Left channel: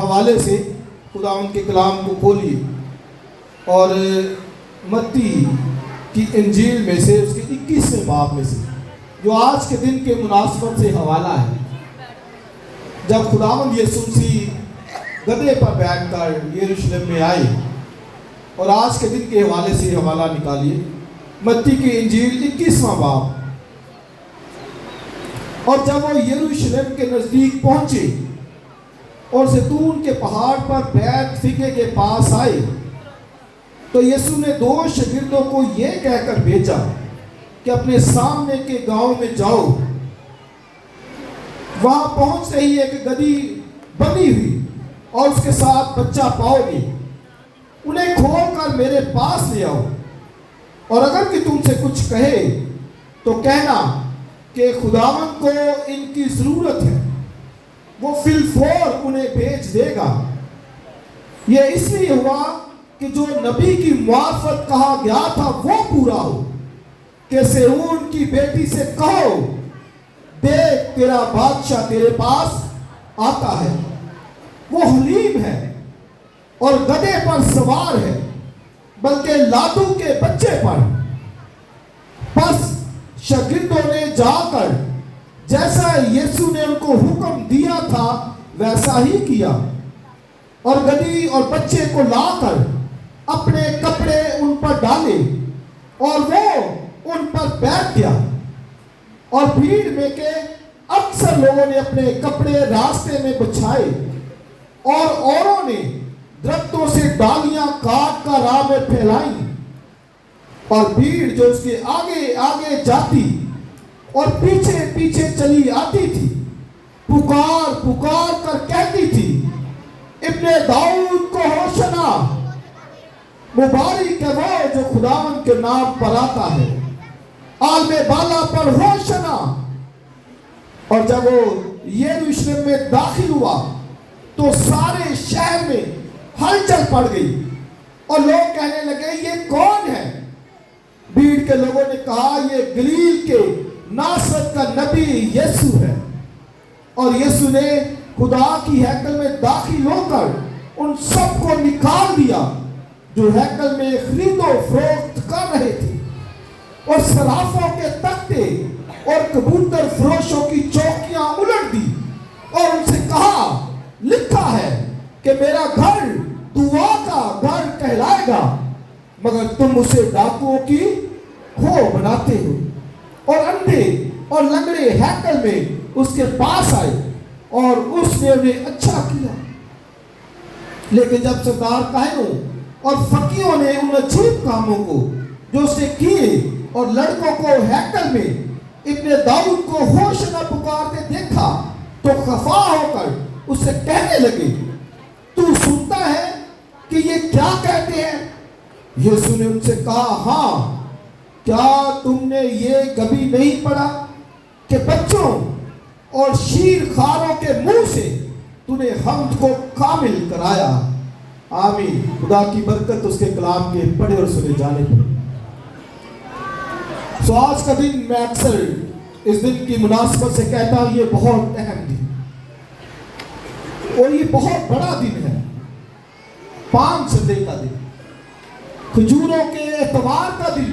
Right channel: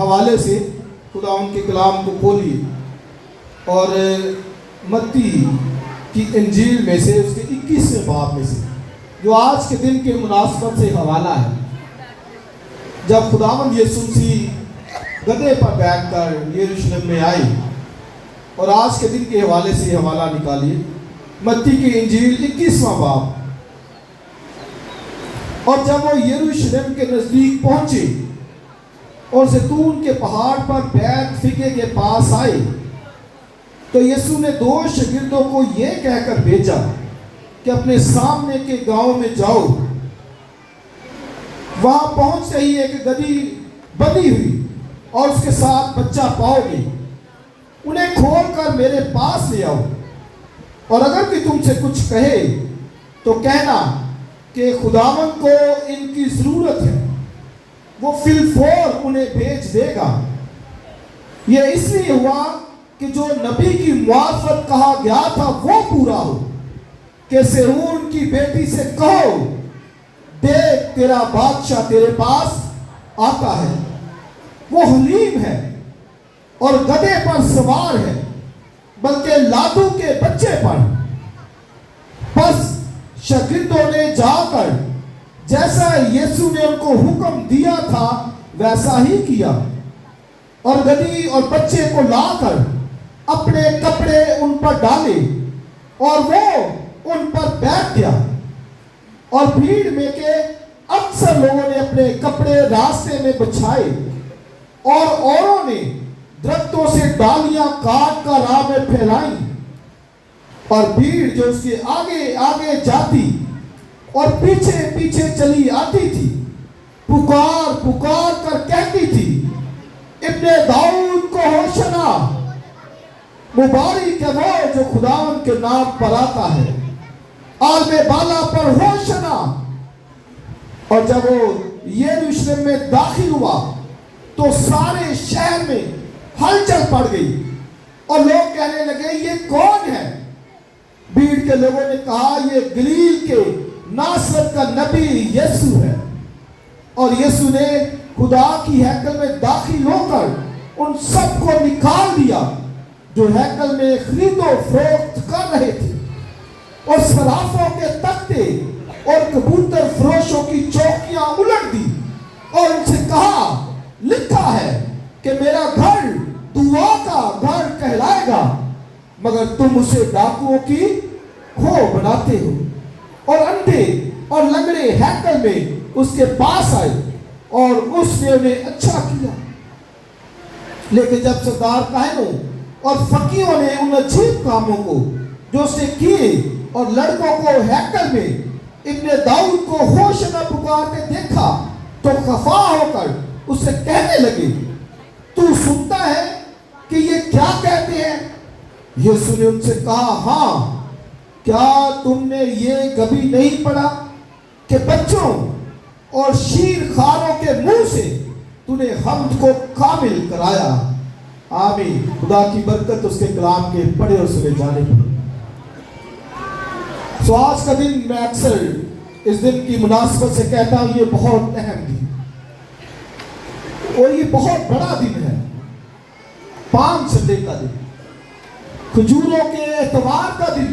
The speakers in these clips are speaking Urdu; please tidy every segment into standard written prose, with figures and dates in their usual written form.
حوالے سے خدا ان کے کلام کو کھولیے اور متی کی انجیل میں سے اس کے 21ویں باب میں سے جو آج کے دن کے مناسبت سے حوالہ ہے، جب خداوند یسوع مسیح گدھے پر بیٹھ کر یروشلم میں آئے، اور آج کے دن کے حوالے سے حوالہ نکالیے متی کی انجیل 21واں باب۔ اور جب وہ یروشلم کے نزدیک پہنچے اور زیتون کے پہاڑ پر بیت فگے کے پاس آئے تو یسوع نے 2 شاگردوں کو یہ کہہ کر بھیجا کہ اپنے سامنے کے گاؤں میں جاؤ، وہاں پہنچتے ہی ایک گدھی بندھی ہوئی اور اس کے ساتھ بچہ پاؤ گے، انہیں کھول کر میرے پاس لے آؤ، اور اگر کوئی تم سے کچھ کہے تو کہنا کہ خداوند کو ان کی ضرورت ہے، وہ فی الفور انہیں بھیج دے گا۔ یہ اس لیے ہوا کہ جو نبی کی معرفت کہا گیا تھا وہ پورا ہو کہ صہیون کی بیٹی سے کہو، دیکھ تیرا بادشاہ تیرے پاس آتا ہے، وہ حلیم ہے اور گدھے پر سوار ہے، بلکہ لادو کے بچے پر۔ بس شاگردوں نے جا کر جیسا یسوع نے ان کو حکم دیا تھا ویسا ہی کیا، اور گدھی اور بچے کو لا کر اپنے کپڑے ان پر ڈالے اور وہ ان پر بیٹھ گیا، اور بھیڑ میں کے اکثر لوگوں نے اپنے کپڑے راستے میں بچھائے اور اوروں نے درختوں سے ڈالیاں کاٹ کر راہ میں پھیلائیں، اور بھیڑ جو اس کے آگے آگے جاتی اور پیچھے پیچھے چلی آتی تھی پکار پکار کر کہتی تھی، ابن داؤد کو ہوشنا، مبارک ہے وہ جو خداوند کے نام پر آتا ہے، عالم بالا پر ہوشنا۔ اور جب وہ یروشلم میں داخل ہوا تو سارے شہر میں ہلچل پڑ گئی اور لوگ کہنے لگے یہ کون ہے؟ بھیڑ کے لوگوں نے کہا یہ گلیل کے ناصرت کا نبی یسوع ہے۔ اور یسوع نے خدا کی ہیکل میں داخل ہو کر ان سب کو نکال دیا جو ہیکل میں خرید و فروخت کر رہے تھے، اور صرافوں کے تختے اور کبوتر فروشوں کی چوکیاں الٹ دی، اور ان سے کہا لکھا ہے کہ میرا گھر دعا کا گھر کہلائے گا، مگر تم اسے ڈاکوؤں کی کھو بناتے ہو۔ اور اندھے اور لنگڑے ہیکل میں اس کے پاس آئے اور اس نے انہیں اچھا کیا۔ لیکن جب سردار کاہنوں اور فقیہوں نے ان عجیب کاموں کو جو اس نے کیے اور لڑکوں کو ہیکل میں ابن داؤد کو ہوشنا پکارتے دیکھا تو خفا ہو کر اس سے کہنے لگے، تو سنتا ہے کہ یہ کیا کہتے ہیں؟ یسوع نے ان سے کہا، ہاں، کیا تم نے یہ کبھی نہیں پڑھا کہ بچوں اور شیر خاروں کے منہ سے تو نے حمد کو کامل کرایا۔ آمین۔ خدا کی برکت اس کے کلام کے پڑھے اور سنے جانے پر۔ سو آج کا دن میں اکثر اس دن کی مناسبت سے کہتا ہوں یہ بہت اہم دن اور یہ بہت بڑا دن ہے، پام سنڈے کا دن، کھجوروں کے اتوار کا دن،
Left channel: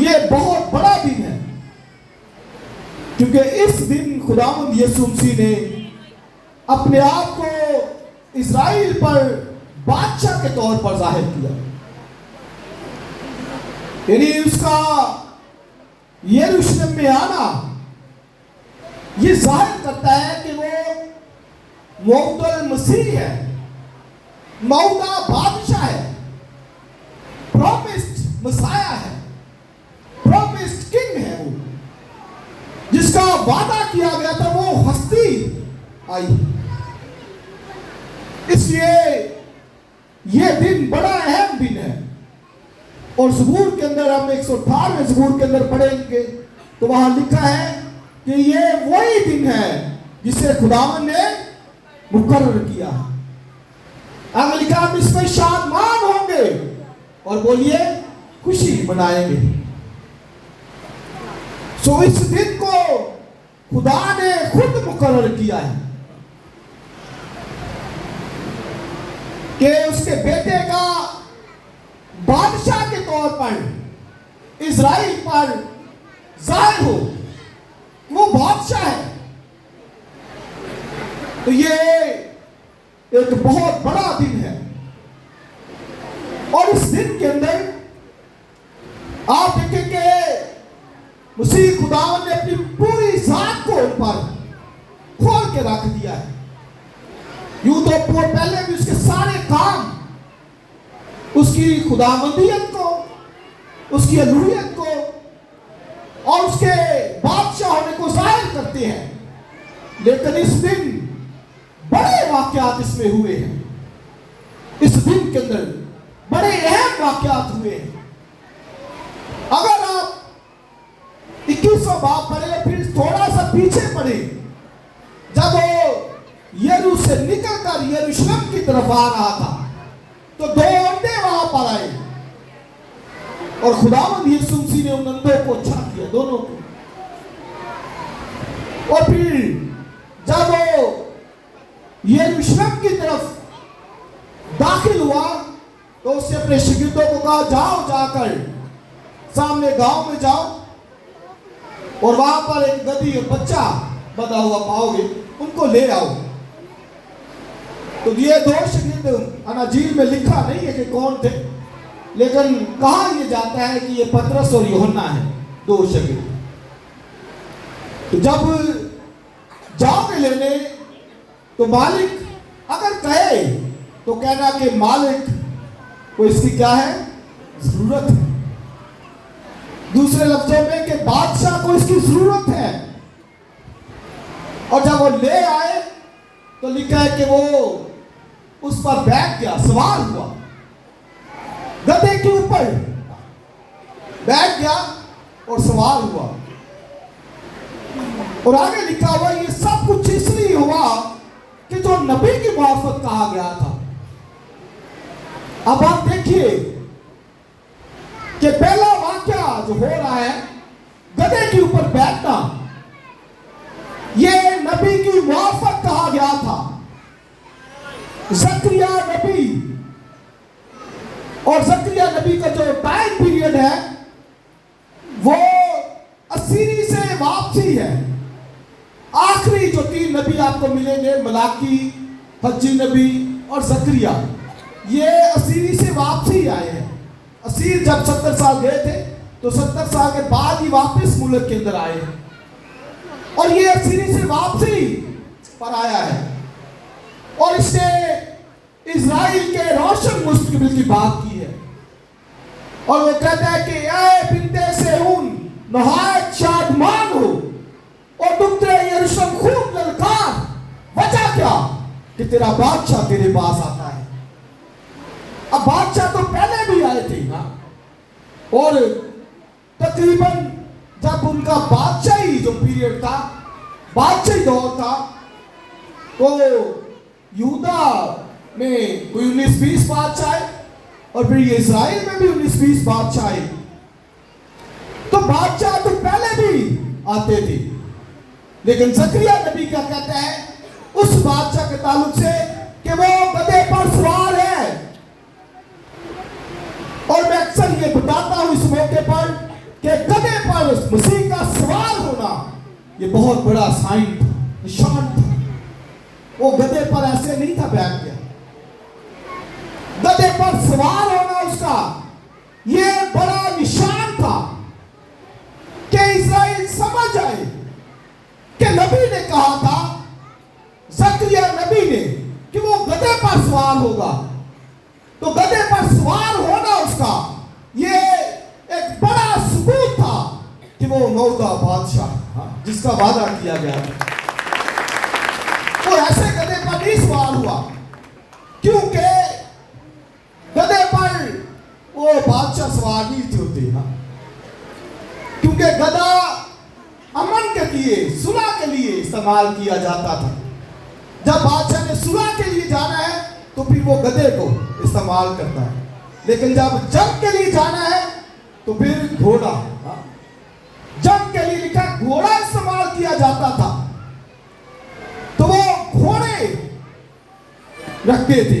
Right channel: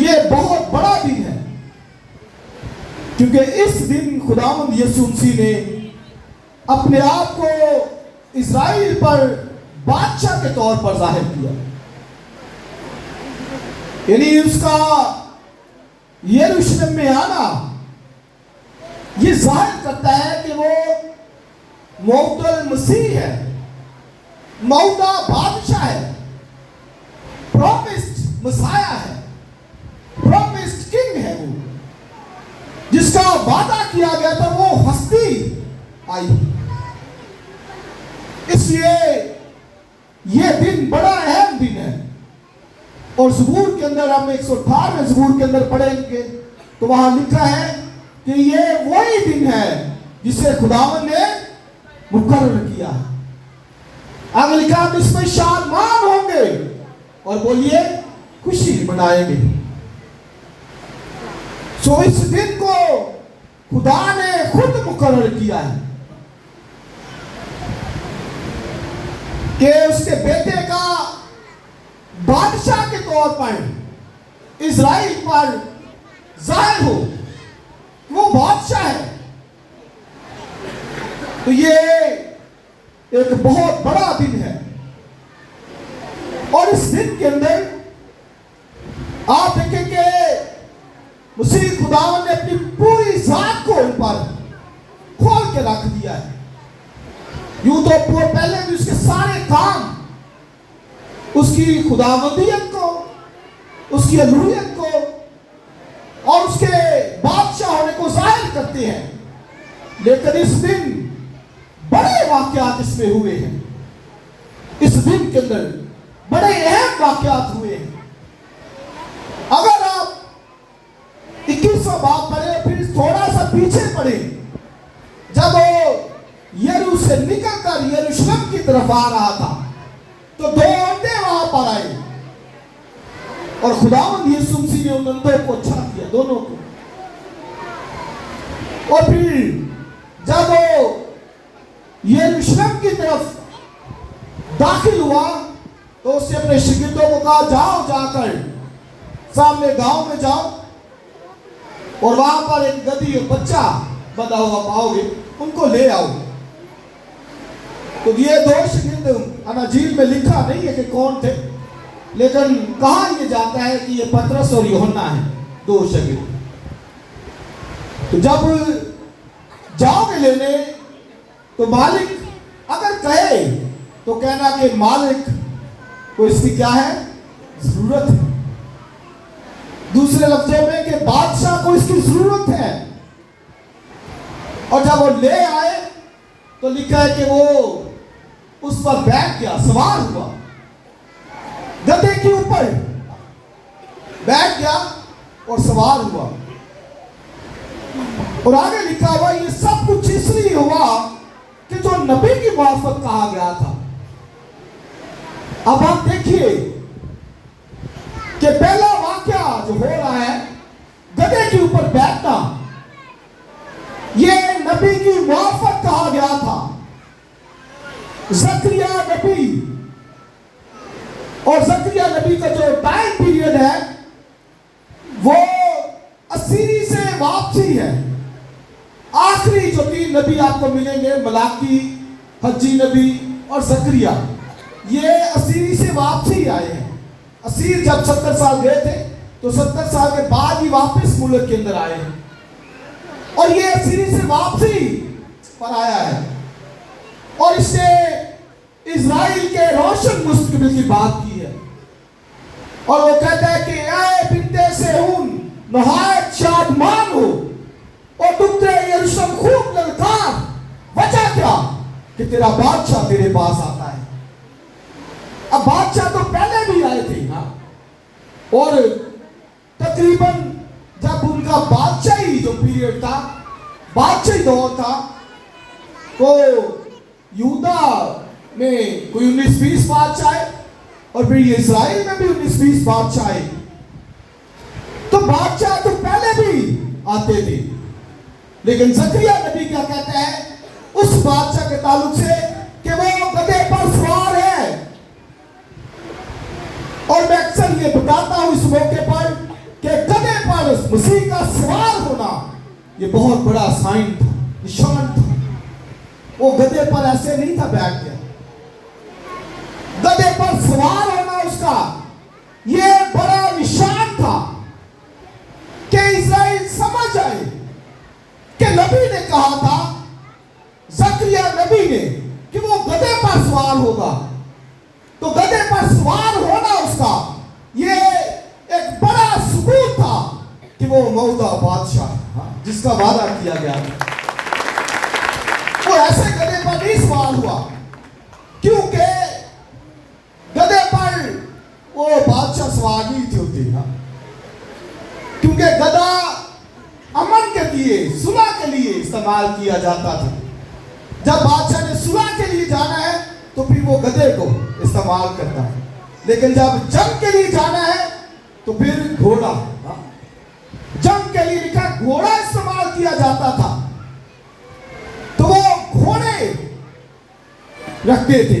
یہ بہت بڑا دن ہے، کیونکہ اس دن خداوند یسوع مسیح نے اپنے آپ کو اسرائیل پر بادشاہ کے طور پر ظاہر کیا، یعنی اس کا یروشلم میں آنا یہ ظاہر کرتا ہے کہ وہ موعود المسیح ہے، موعودہ بادشاہ ہے، پرومسڈ مسایہ ہے، پرومسڈ کنگ ہے، وہ جس کا وعدہ کیا گیا تھا وہ ہستی آئی۔ اس لیے یہ دن بڑا اہم دن ہے، اور زبور کے اندر ہم 118 زبور کے اندر پڑھیں گے تو وہاں لکھا ہے کہ یہ وہی دن ہے جسے خداوند نے مقرر کیا۔ آگے لکھا ہم اس میں شادمان ہوں گے اور بولیے خوشی منائیں گے۔ سو اس دن کو خدا نے خود مقرر کیا ہے، کہ اس کے بیٹے کا بادشاہ کے طور پر اسرائیل پر ظاہر ہو، وہ بادشاہ ہے. تو یہ ایک بہت بڑا دن ہے، اور اس دن کے اندر آپ دیکھیں کہ مسیح خداوند نے اپنی پوری ذات کو ان پر کھول کے رکھ دیا ہے. یوں تو پہلے بھی اس کے سارے کام اس کی خداوندیت کو، اس کی الوہیت کو اور اس کے بادشاہ ہونے کو ظاہر کرتے ہیں، لیکن اس دن بڑے واقعات اس میں ہوئے ہیں. اس دن کے اندر بڑے اہم واقعات ہوئے ہیں. اگر آپ 21واں باب پڑھیں، پھر تھوڑا سا پیچھے پڑھیں، جب وہ یریحو سے نکل کر یروشلم کی طرف آ رہا تھا تو 2 اندھے وہاں پر آئے، اور خداوند یسوع مسیح نے ان اندھوں کو اچھا کیا، دونوں کو. اور پھر جب وہ یروشلم کی طرف داخل ہوا تو اس نے اپنے شاگردوں کو کہا، جاؤ جا کر سامنے گاؤں میں جاؤ، اور وہاں پر ایک گدھی اور بچہ بندھا ہوا پاؤ گے، ان کو لے آؤ. تو یہ 2 شاگرد اناجیل میں لکھا نہیں ہے کہ کون تھے، لیکن کہا یہ جاتا ہے کہ یہ پترس اور یوحنا ہیں، 2 شاگرد. تو جب جاؤ گے لینے تو مالک اگر کہے تو کہنا کہ مالک کو اس کی کیا ہے، ضرورت ہے. دوسرے لفظوں میں کہ بادشاہ کو اس کی ضرورت ہے. اور جب وہ لے آئے تو لکھا ہے کہ وہ اس پر بیٹھ گیا، سوار ہوا، گدھے کے اوپر بیٹھ گیا اور سوار ہوا. اور آگے لکھا ہوا یہ سب کچھ اس لیے ہوا کہ جو نبی کی موافق کہا گیا تھا. اب آپ دیکھیے کہ پہلا واقعہ جو ہو رہا ہے، گدھے کے اوپر بیٹھنا، یہ نبی کی موافق کہا گیا تھا. زکریا نبی، اور زکریا نبی کا جو ٹائم پیریڈ ہے وہ اسیری سے واپسی ہے. آخری جو 3 نبی آپ کو ملیں گے، ملاکی، حجی نبی اور زکریا، یہ اسیری سے واپسی آئے ہیں. اسیر جب 70 سال گئے تھے تو 70 سال کے بعد ہی واپس ملک کے اندر آئے ہیں، اور یہ اسیری سے واپسی پر آیا ہے. اور اس نے اسرائیل کے روشن مستقبل کی بات کی ہے، اور وہ کہتا ہے کہ اے بنتے صہیون نہایت شادمان ہو، اور دختر یروشلم خوب للکار. وجہ کیا؟ کہ تیرا بادشاہ تیرے پاس آتا ہے. اب بادشاہ تو پہلے بھی آئے تھے نا، اور تقریباً جب ان کا بادشاہی جو پیریڈ تھا، بادشاہی دور تھا، تو یہودا میں کوئی 19-20 بادشاہ آئے، اور پھر یہ اسرائیل میں بھی 19-20 بادشاہ آئے. تو بادشاہ تو پہلے بھی آتے تھے، لیکن زکریا نبی کیا کہتا ہے اس بادشاہ کے تعلق سے کہ وہ گدھے پر سوار ہے. اور میں اکثر یہ بتاتا ہوں اس موقع پر کہ گدھے پر مسیح کا سوار ہونا یہ بہت بڑا سائن تھا، نشان تھا. وہ گدھے پر ایسے نہیں تھا بیٹھ گیا، گدھے پر سوار ہونا اس کا یہ بڑا نشان تھا کہ اسرائیل سمجھ آئے کہ نبی نے کہا تھا، زکریا نبی نے، کہ وہ گدھے پر سوار ہوگا. تو گدھے پر سوار ہونا اس کا یہ ایک بڑا ثبوت تھا کہ وہ موعودہ بادشاہ جس کا وعدہ کیا گیا تھا. وہ ایسے گدھے پر نہیں سوار ہوا، کیونکہ گدھے پر وہ بادشاہ سوار نہیں تھے ہوتے، کیونکہ گدھا امن کے لیے، صلح کے لیے استعمال کیا جاتا تھا. جب بادشاہ نے صلح کے لیے جانا ہے تو پھر وہ گدھے کو استعمال کرتا ہے، لیکن جب جنگ کے لیے جانا ہے تو پھر گھوڑا. جنگ کے لیے لکھا گھوڑا استعمال کیا جاتا تھا، تو وہ گھوڑے رکھتے تھے.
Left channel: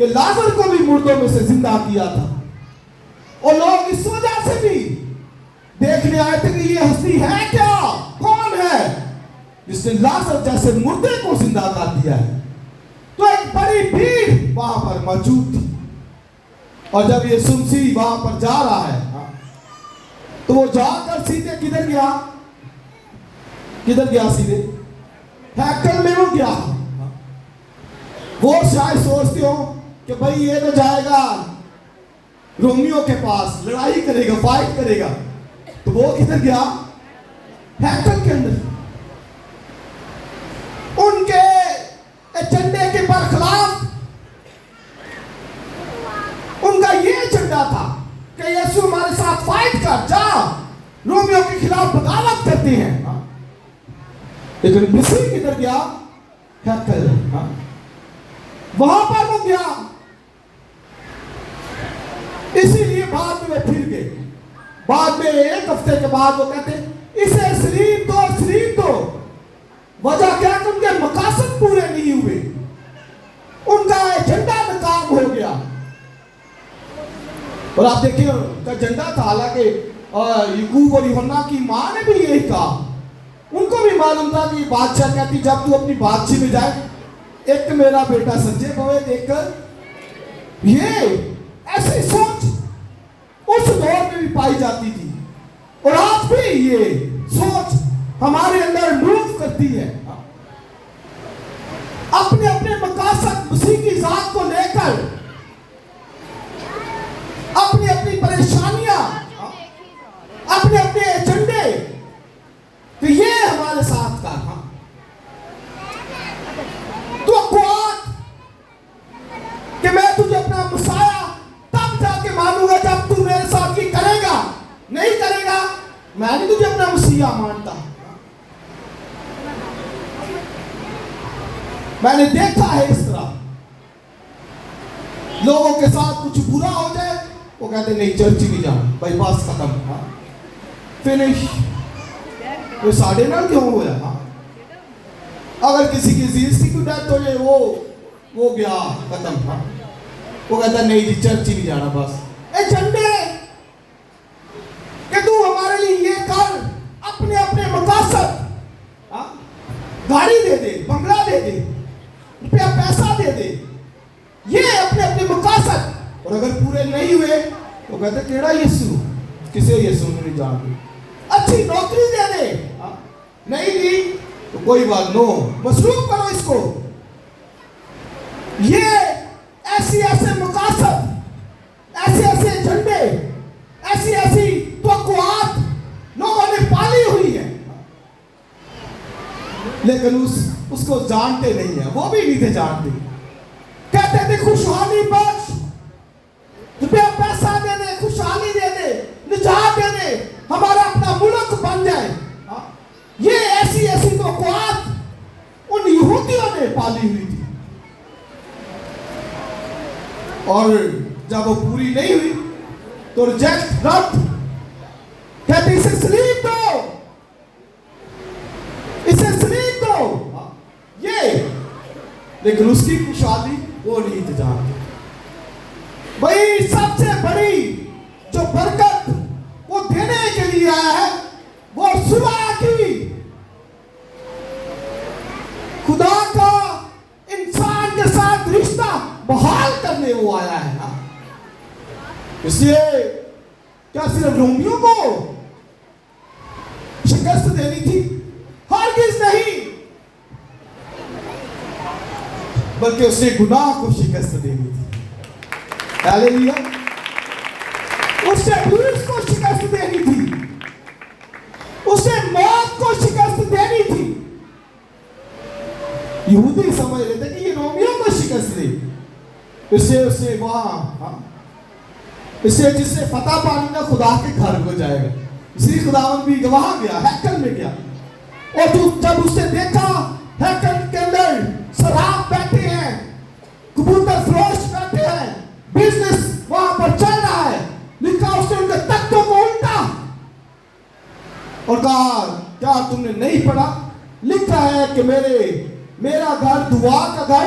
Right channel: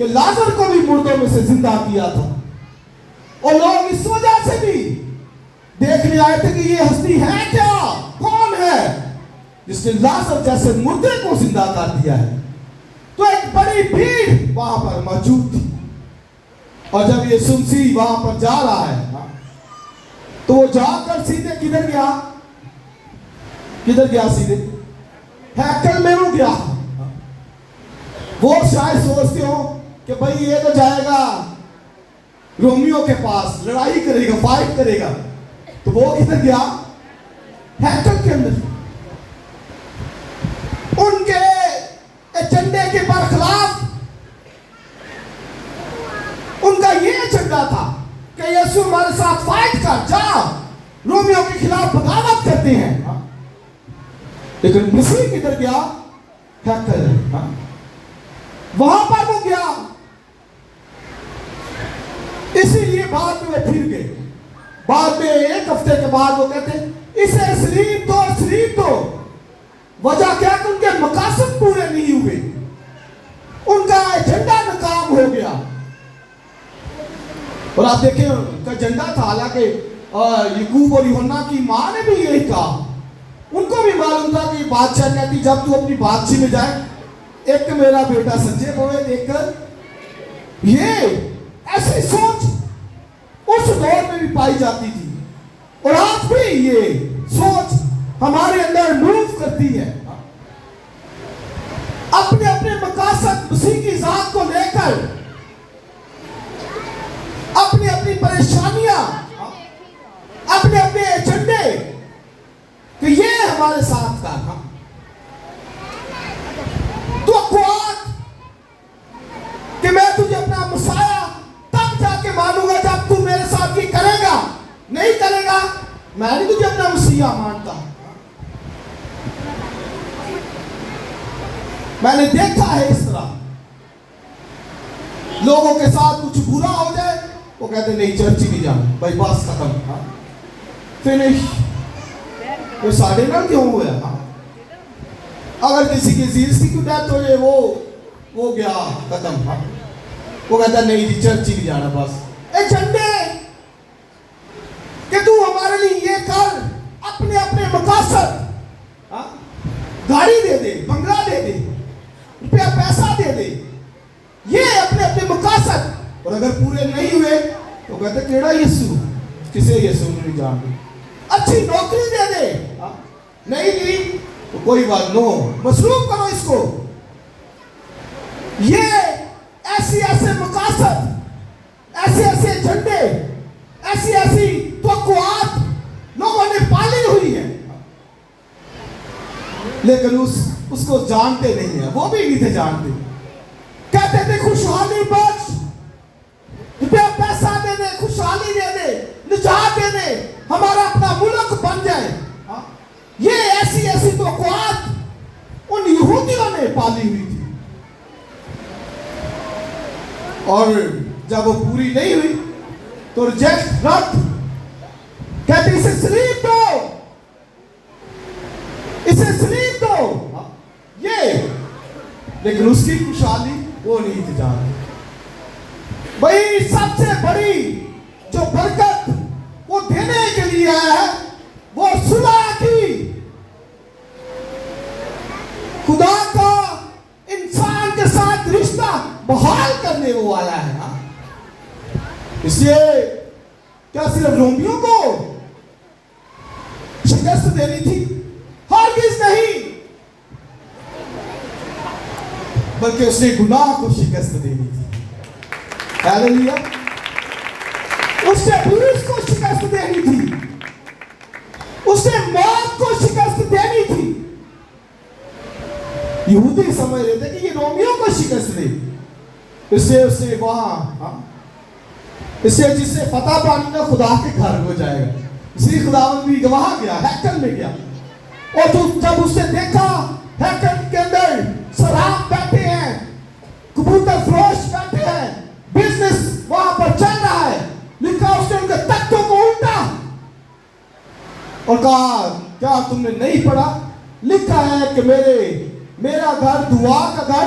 کہ لازر کو بھی مردوں میں سے زندہ کیا تھا، اور لوگ اس وجہ سے بھی دیکھنے آئے تھے کہ یہ ہستی ہے کیا، کون ہے جس نے لازر جیسے مردے کو زندہ کر دیا ہے۔ تو ایک بڑی بھیڑ وہاں پر موجود تھی، اور جب یہ مسیح وہاں پر جا رہا ہے تو وہ جا کر سیدھے کدھر گیا؟ کدھر گیا؟ سیدھے ہیکل میں وہ گیا۔ وہ شاید سوچتے ہو کہ بھائی یہ تو جائے گا رومیو کے پاس، لڑائی کرے گا، فائٹ کرے گا، تو وہ کدھر گیا؟ ہیکل کے اندر۔ ان کے ایجنڈے کے برخلاف ان کا یہ ایجنڈا تھا کہ یسوع ہمارے ساتھ فائٹ کر، جا رومیو کے خلاف بغاوت کرتے ہیں، لیکن مسیح کدھر گیا؟ ہیکل۔ وہاں پر وہ گیا، اسی لیے بعد میں پھر گئے۔ بعد میں ایک ہفتے کے بعد وہ کہتے اسے سلیب دو، سلیب دو۔ وجہ کیا کہ ان کے مقاصد پورے نہیں ہوئے، ان کا ایجنڈا ناکام ہو گیا۔ اور آپ دیکھیں ان کا ایجنڈا تھا، حالانکہ یعقوب اور یوحنا کی ماں نے بھی یہی کہا، ان کو بھی معلوم تھا کہ بادشاہ کہتی جب تو اپنی بادشاہی میں جائے، ایک میرا بیٹا سجے ہوئے دیکھ کر۔ یہ ایسی سوچ اس دور میں بھی پائی جاتی تھی، اور آج بھی یہ سوچ ہمارے اندر موو کرتی ہے۔ اپنے اپنے مقاصد مسیح کی ذات کو لے کر، اپنی اپنی پریشانیاں، اپنے اپنے ایجنڈے کہ یہ ہمارے ساتھ کا توقعات کہ میں تجھے اپنا مسایہ تب جا کے مانوں گا جب تو میرے ساتھ یہ کرے گا، نہیں کرے گا میں نہیں تجھے اپنا مسیح مانتا۔ میں نے دیکھا ہے اس طرح لوگوں کے ساتھ کچھ برا ہو جائے وہ کہتے نہیں چرچ ہی نہیں جانا، بھائی بس ختم، فنش، یہ ساڑھے نہ کیوں ہوا ہے؟ اگر کسی کی زیرسی کو ڈیتھ ہو جائے وہ گیا ختم، وہ کہتا نہیں جی چرچ ہی نہیں جانا، بس ایجنڈے کہ تو ہمارے لیے یہ کر، اپنے اپنے مقاصد، گاڑی دے دے، بنگلہ دے دے، روپیہ پیسہ دے دے، یہ اپنے اپنے مقاصد، اور اگر پورے نہیں ہوئے تو کہتے کیڑا یسوع، کسے یسوع نہیں جانتے، اچھی نوکری دے دے، نہیں دی تو کوئی بات، نو مصروف کرو اس کو۔ یہ ایسے مقاصد، ایسے ایجنڈے، ایسی توقعات لوگوں نے پالی ہوئی ہیں، لیکن اس کو جانتے نہیں ہیں، وہ بھی نہیں تھے جانتے۔ کہتے تھے خوشحالی بخش، روپیہ پیسہ دے دے، خوشحالی دے دے، نجات دے دے، ہمارا اپنا ملک بن جائے۔ یہ ایسی توقعات ان یہودیوں نے پالی ہوئی تھی، اور جب وہ پوری نہیں ہوئی تو ریجیکٹ، رد، کہتے اسے سلیب دو، اسے سلیب دو، یہ، لیکن اس کی خوشحالی وہ نہیں تھی جانتے۔ بھائی سب سے بڑی جو برکت وہ دینے کے لیے آیا ہے وہ صلح کی، خدا کا انسان کے ساتھ رشتہ بحال کرنے وہ آیا ہے نا۔ اس لیے کیا صرف رومیوں کو شکست دینی تھی؟ ہرگز نہیں، بلکہ اس نے گناہ کو شکست دینی تھی۔ ہاللیلویا، اس نے ابلیس کو شکست دینی تھی، اس نے موت کو شکست دینی تھی۔ یہودی سمجھ رہے تھے کہ یہ رومیوں کو شکست دے، اس نے وہاں، اس سے جس سے فتح پانی کا خدا کے گھر کو جائے گا، اسی خداوند بھی وہاں گیا، ہیکل میں گیا، اور جب اس نے دیکھا ہیکل کے اندر سراب بیٹھے ہیں، کبوتر فروش بیٹھے ہیں، بزنس وہاں پر چل رہا ہے، لکھا اس نے ان کے تختوں کو الٹا اور کہا کیا تم نے نہیں پڑھا؟ لکھا ہے کہ میرا گھر دعا کا گھر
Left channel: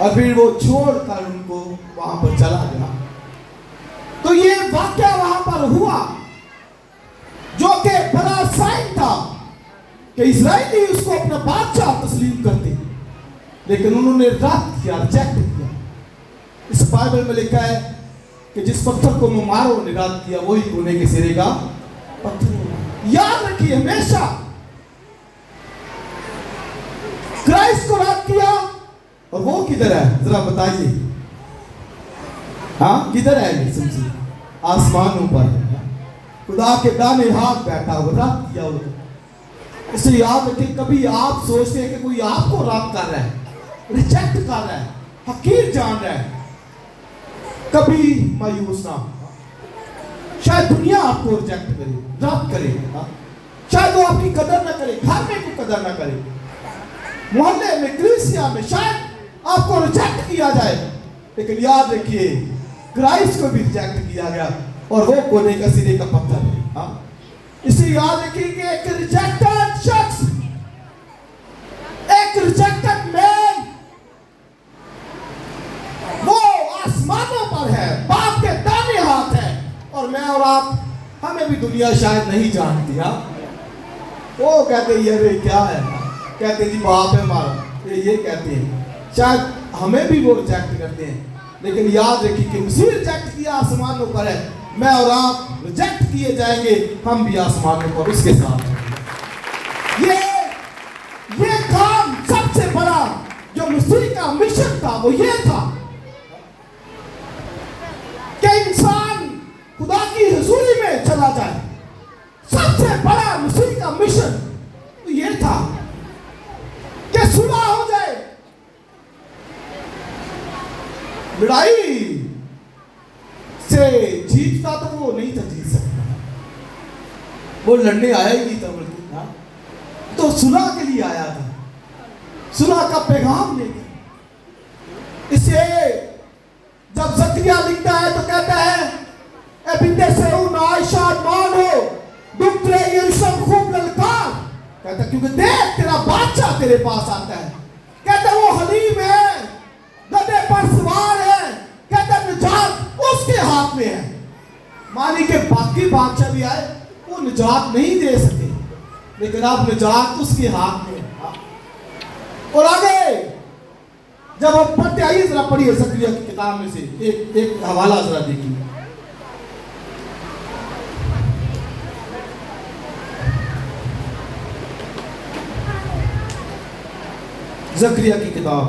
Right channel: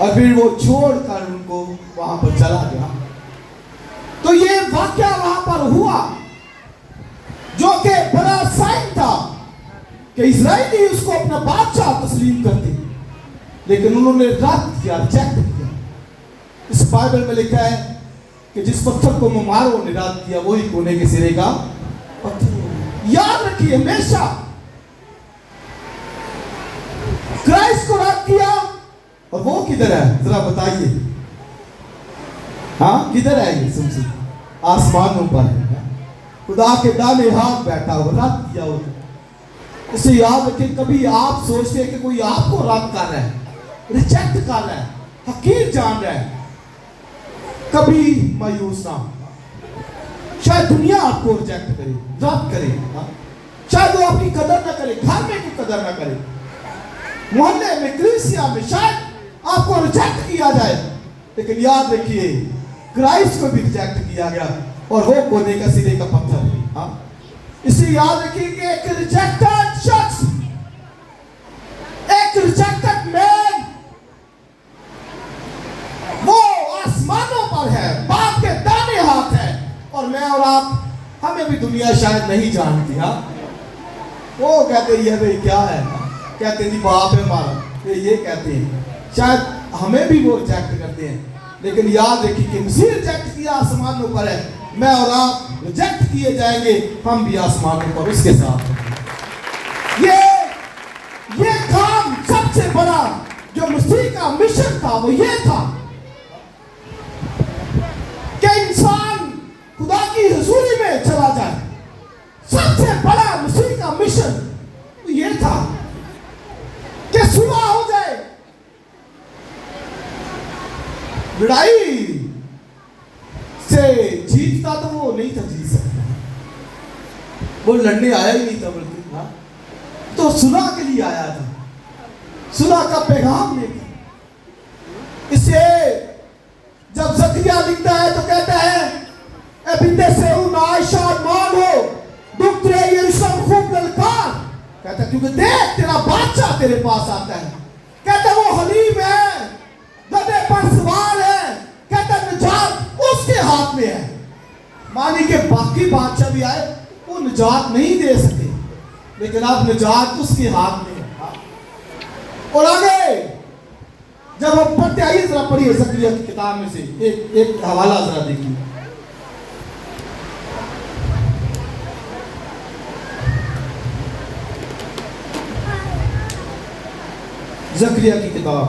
اور پھر وہ چھوڑ کر ان کو وہاں پر چلا گیا. تو یہ واقعہ وہاں پر ہوا جو کہ بڑا سائن تھا کہ اسرائیلی اس کو اپنا بادشاہ تسلیم کرتے، لیکن انہوں نے رد کیا، ریجیکٹ کیا. اس بائبل میں لکھا ہے کہ جس پتھر کو مماروں نے رد کیا وہی کونے کے سرے کا پتھر. یاد رکھیے ہمیشہ کرائسٹ کو رد کیا اور وہ کدھر ہے ذرا بتائیے. ہاں کدھر ہے یہ سمجھے؟ آسمانوں پر خدا کے دانے ہاتھ بیٹھا ہوا، رد کیا ہوا. اسے یاد رکھیں کبھی آپ سوچتے ہیں کہ کوئی آپ کو رد کر رہا ہے، ریجیکٹ کر رہا ہے، حقیر جان رہا ہے، کبھی مایوس نہ ہو. شاید دنیا آپ کو ریجیکٹ کرے، رد کرے، شاید وہ آپ کی قدر نہ کرے، گھر میں کوئی قدر نہ کرے، محلے میں، کلیسیا میں شاید آپ کو ریجیکٹ کیا جائے، لیکن یاد رکھیے کرائسٹ کو بھی ریجیکٹ کیا گیا اور وہ کونے کا سرے کا پتھر ہے. اسے یاد رکھیے کہ ایک ریجیکٹڈ شخص، ایک ریجیکٹڈ مین وہ آسمانوں پر ہے، باپ کے دانے ہاتھ ہے. اور میں اور آپ، ہمیں بھی دنیا شاید نہیں جانتی. وہ کہتے ہیں یہ کیا ہے، کہتے ہیں جی باپ ہے ہمارا، یہ کہتے ہیں. شاید ہمیں بھی وہ ریجیکٹ کرتے ہیں، لیکن یاد رکھیے کہ مسیح ریجیکٹ کیا آسمانوں پر ہے، میں اور آپ ریجیکٹ کیے جائیں گے، ہم بھی آسمانوں پر اس کے ساتھ ہیں. یہ کام سب سے بڑا جو مسیح کا مشن تھا وہ یہ تھا کہ انسان خدا کی حضوری میں چلا جائے. سب سے بڑا مسیح کا مشن یہ تھا کہ صلح ہو جائے. لڑائی سے جیتتا تو وہ نہیں تھا جیت سکتا، وہ لڑنے آیا ہی نہیں تھا، بلکہ تو صلح کے لیے آیا تھا، صلح کا پیغام لے کے. اسے جب زکریا لکھتا ہے تو کہتا ہے اے بنت صہیون شادمان ہو، دختر یروشلم خوب للکار. کہتا ہے کیونکہ دیکھ تیرا بادشاہ تیرے پاس آتا ہے. کہتا ہے وہ حلیم ہے، گدھے پر سوار ہے، کہتا ہے نجات اس کے ہاتھ میں ہے. مانی کہ باقی بادشاہ بھی آئے وہ نجات نہیں دے سکے، لیکن اب نجات اس کے ہاتھ میں ہے. اور آگے جب ہم پڑھتے آئیے ذرا پڑھیے زکریا کی کتاب میں سے ایک حوالہ ذرا دیکھیے. زکریا کی کتاب،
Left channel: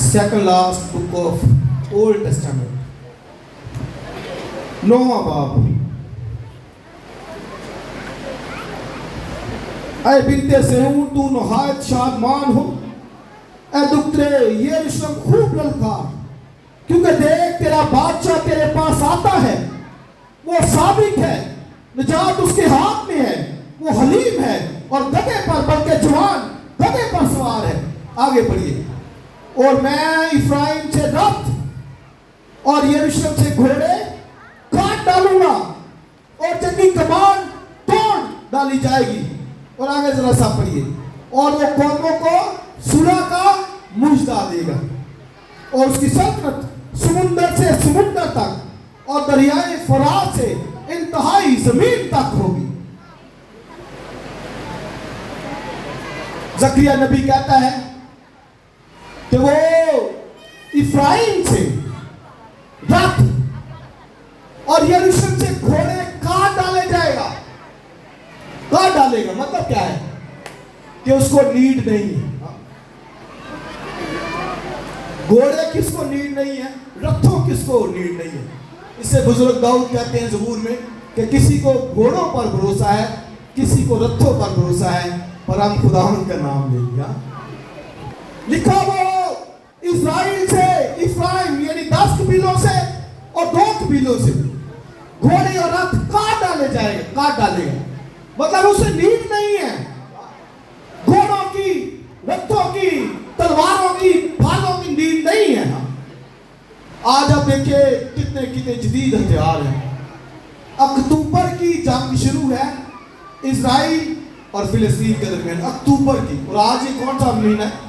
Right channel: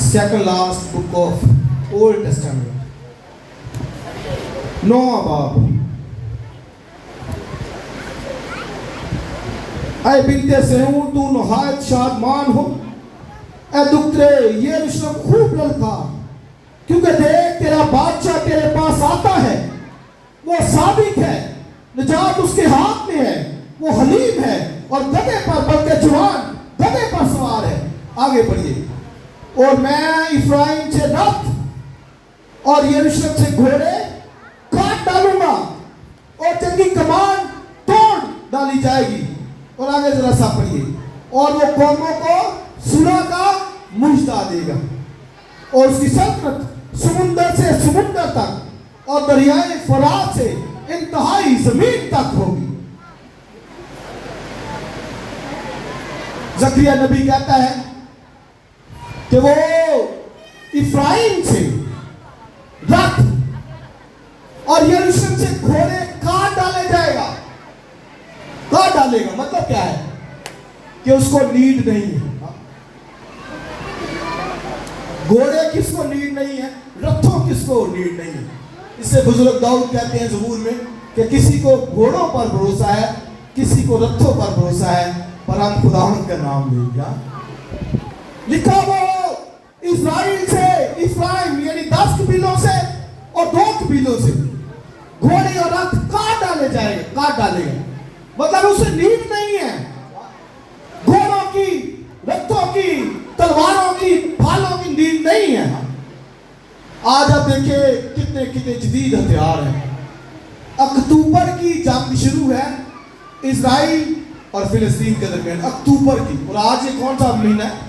second last book of Old Testament, 9واں باب. اے بنت صہیون تو نہایت شادمان ہو، اے دختر یروشلم خوب للکار، کیونکہ دیکھ تیرا بادشاہ تیرے پاس آتا ہے، وہ صادق ہے، نجات اس کے ہاتھ میں ہے، وہ حلیم ہے اور گدھے پر بلکہ جوان گدھے پر سوار ہے. آگے پڑھیے. اور میں افرائیم سے رتھ اور یروشلم سے گھوڑے کاٹ ڈالوں گا اور جنگی کمان توڑ ڈالی جائے گی. اور آگے ذرا سا پڑھیے. اور وہ قوموں کو صلح کا مژدہ دے گا اور اس کی سلطنت سمندر سے سمندر تک اور دریائے فرات سے انتہائی زمین تک ہوگی. زکریا نبی کہتا ہے کہ وہ افرائیم سے رتھ اور یروشلم سے گھوڑے کاٹ ڈالے جائے گا. کاٹ ڈالے گا مطلب کیا ہے کہ اس کو نیڈ نہیں ہے. گھوڑے کس کو نیڈ نہیں ہے، رتھوں کس کو نیڈ نہیں ہے. اس سے بزرگ داؤد کہتے ہیں زبور میں کہ کسی کو گھوڑوں پر بھروسہ ہے، کسی کو رتھوں پر بھروسہ ہے، پر ہم خداوند کا نام لیں گا. لکھا وہ اسرائیل سے، افرائیم یعنی 10 قبیلوں سے اور 2 قبیلوں سے گھوڑے اور رتھ کاٹ ڈالے جائے گا، کاٹ ڈالے گا. مطلب اسے نیڈ نہیں ہے گھوڑوں کی، رتھوں کی، تلواروں کی، بھالوں کی نیڈ نہیں ہے. آج آپ دیکھیں کتنے جدید ہتھیار ہیں. اکتوبر کی جنگ شروع ہے اسرائیل اور فلسطین کے درمیان، اکتوبر کی. اور آج یہ کون سا مہینہ ہے؟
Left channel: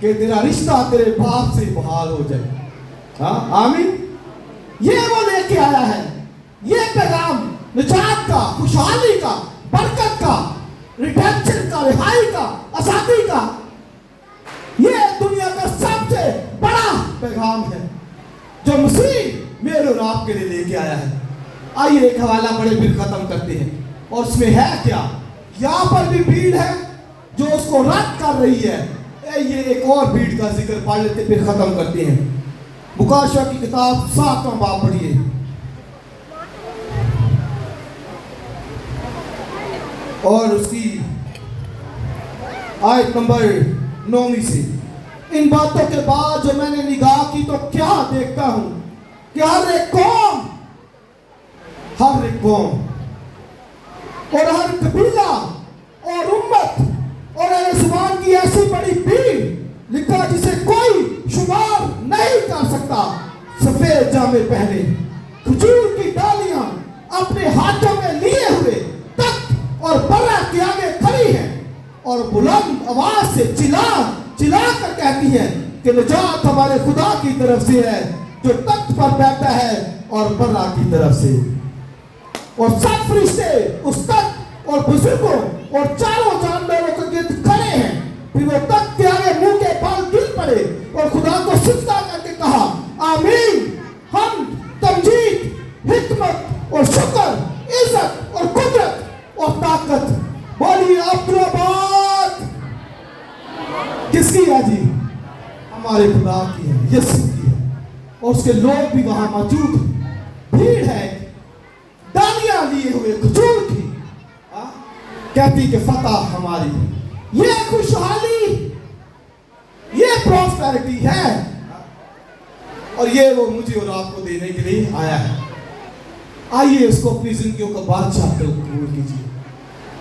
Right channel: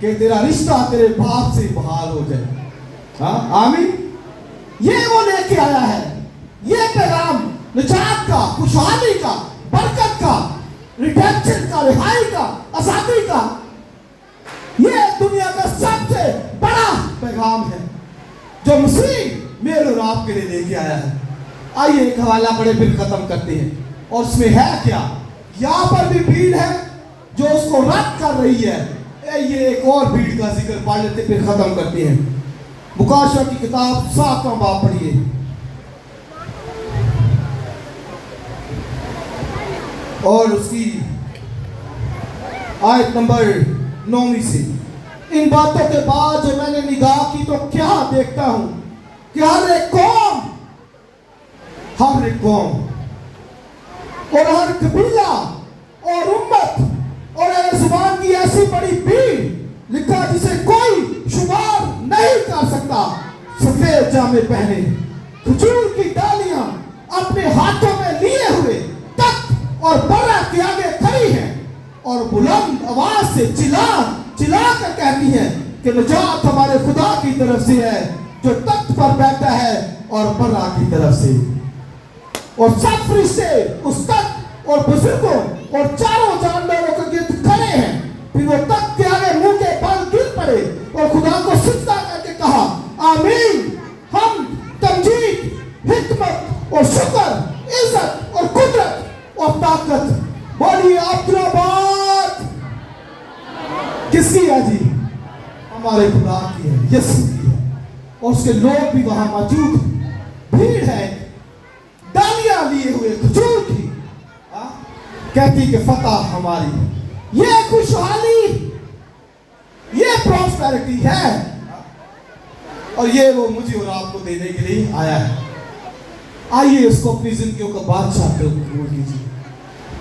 کہ تیرا رشتہ تیرے باپ سے بحال ہو جائے. ہاں آمین. یہ وہ لے کے آیا ہے, یہ پیغام نجات کا, خوشحالی کا, برکت کا, ریڈیمپشن کا, رہائی کا, آزادی کا. یہ دنیا کا سب سے بڑا پیغام ہے جو مسیح میرے اور آپ کے لیے لے کے آیا ہے. آئیے ایک حوالہ پڑھے پھر ختم کرتے ہیں. اور اس میں ہے کیا؟ یہاں پر بھی بھیڑ ہے جو اس کو رد کر رہی ہے. یہ ایک اور بھیڑ کا ذکر پڑھ لیتے پھر ختم کرتے ہیں. مکاشفہ کی کتاب 7واں باب پڑھیے. اور اس کی آیت نمبر 9 سے. ان باتوں کے بعد جب میں نے نگاہ کی تو کیا دیکھتا ہوں کہ ہر ایک قوم اور ہر قبیلہ اور امت اور اہل زبان کی ایسی بڑی بھیڑ لکھا جسے کوئی شمار نہیں کر سکتا, سفید جامے پہنے, کھجور کی ڈالیاں اپنے ہاتھوں میں لیے ہوئے تخت اور برہ کے آگے کھڑی ہیں اور بلند آواز سے چلا کر کہتی ہے کہ نجات ہمارے خدا کی طرف سے ہے جو تخت پر بیٹھا ہے اور برہ کی طرف سے. اور سب فرشتے اس تخت اور بزرگوں اور چاروں جانوروں کے گرد کھڑے ہیں. پھر وہ تخت کے آگے منہ کے بل گر پڑے اور خدا کو سجدہ کر کے کہا آمین, حمد, تمجید, حکمت اور شکر, عزت اور قدرت اور طاقت. بولیے عبدالآباد کس کی ہے جی؟ ہمارے خدا کی ہے, یسوع کی ہے. اور اس کے لوگ بھی وہاں موجود ہیں. بھیڑ ہے ڈالیاں لیے ہوئے کھجور کی, کہتی کہ فتح ہماری. یہ خوشحالی, یہ پراسپیرٹی ہے اور یہ وہ مجھے اور آپ کو دینے کے لیے آیا ہے. آئیے اس کو اپنی زندگیوں کا بادشاہ قبول کیجیے.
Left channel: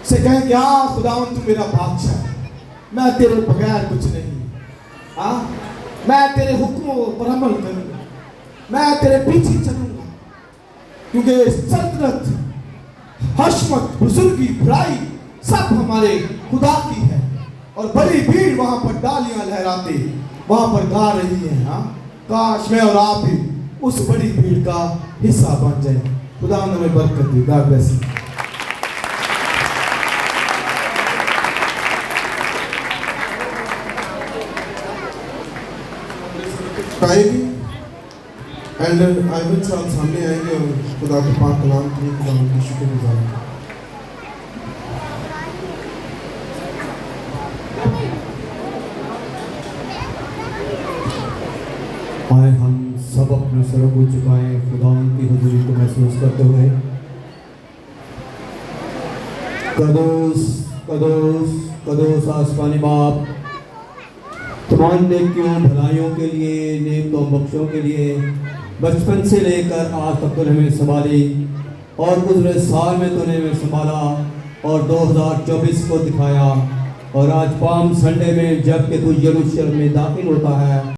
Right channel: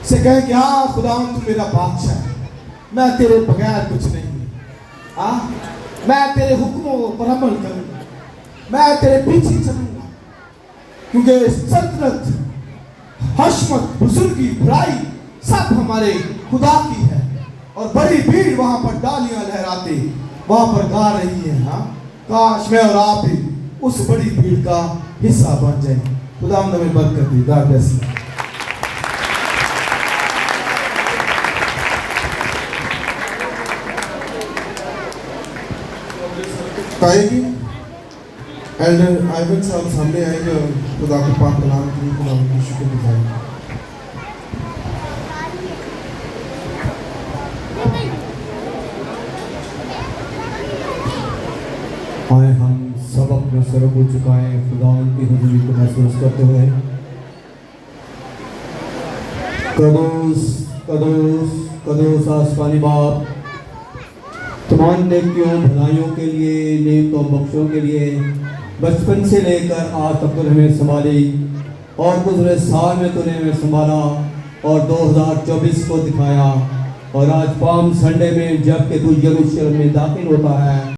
سے کہیں کہ ہاں خداوند تو میرا بادشاہ ہے, میں تیرے بغیر کچھ نہیں. میں تیرے حکموں پر عمل کروں گا, میں تیرے پیچھے چلوں گا, کیونکہ سلطنت, حشمت, بزرگی, بڑائی سب ہمارے خدا کی ہے. اور بڑی بھیڑ وہاں پر ڈالیاں لہراتے وہاں پر گا رہی ہے. کاش میں اور آپ بھی اس بڑی بھیڑ کا حصہ بن جائیں. خدا ہمیں برکت دے. God bless you. Elder Ivan صاحب سامنے آئیں گے اور خدا کے پاک کلام کے لیے خدا کا شکر گزار ہیں. آئے ہم سب اپنا سر ہو چکا ہے خداوند کی حضوری کو محسوس کرتے ہوئے. قدوس قدوس قدوس آسمانی باپ, تمام نیکیوں بھلائیوں کے لیے, نیک و بخشوں کے لیے بچپن سے لے کر آج تک تو نے ہمیں سنبھالی اور گزرے سال میں تو نے ہمیں سنبھالا اور 2024 کو دکھایا. اور آج پام سنڈے میں جب کہ تو یروشلم میں داخل ہوتا ہے